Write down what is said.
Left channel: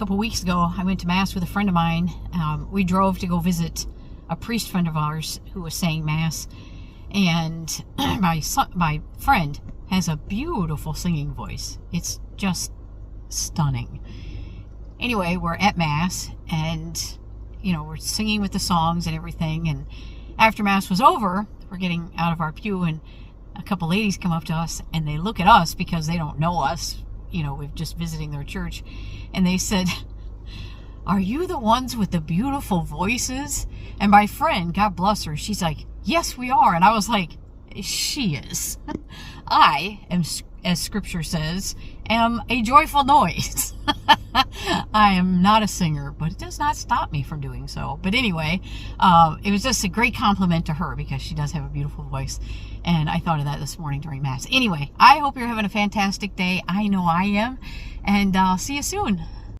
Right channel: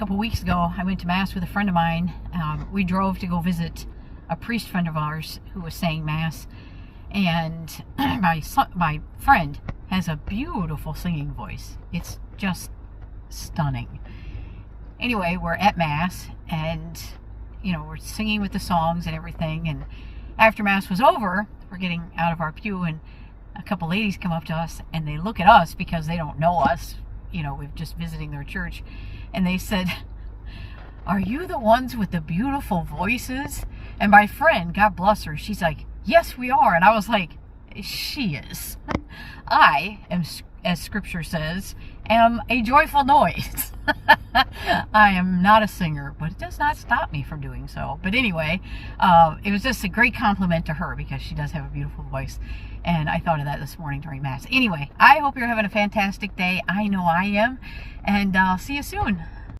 couple weeks ago, I went to Mass with a friend of mine. We drove to go visit a priest friend of ours who was saying Mass. And my friend has a beautiful singing voice. It's just stunning. Anyway, we're at Mass, and we're singing with the songs and everything. And after Mass was over, we're getting out of our pew, and a couple ladies come up to us, and they look at us because they don't know us. We're just visiting their church, and they said, "Are you the ones with the beautiful voices?" And my friend, God bless her, she's like, "Yes, we are." And I was like, she is. I am, as scripture says, am a joyful noise. I am not a singer, but it does not stop me from doing so. But anyway, it was just a great compliment to her because she does have a beautiful voice. And I thought of that this morning during Mass. Anyway, I hope you're having a fantastic day. I know I am. And I'll see you soon.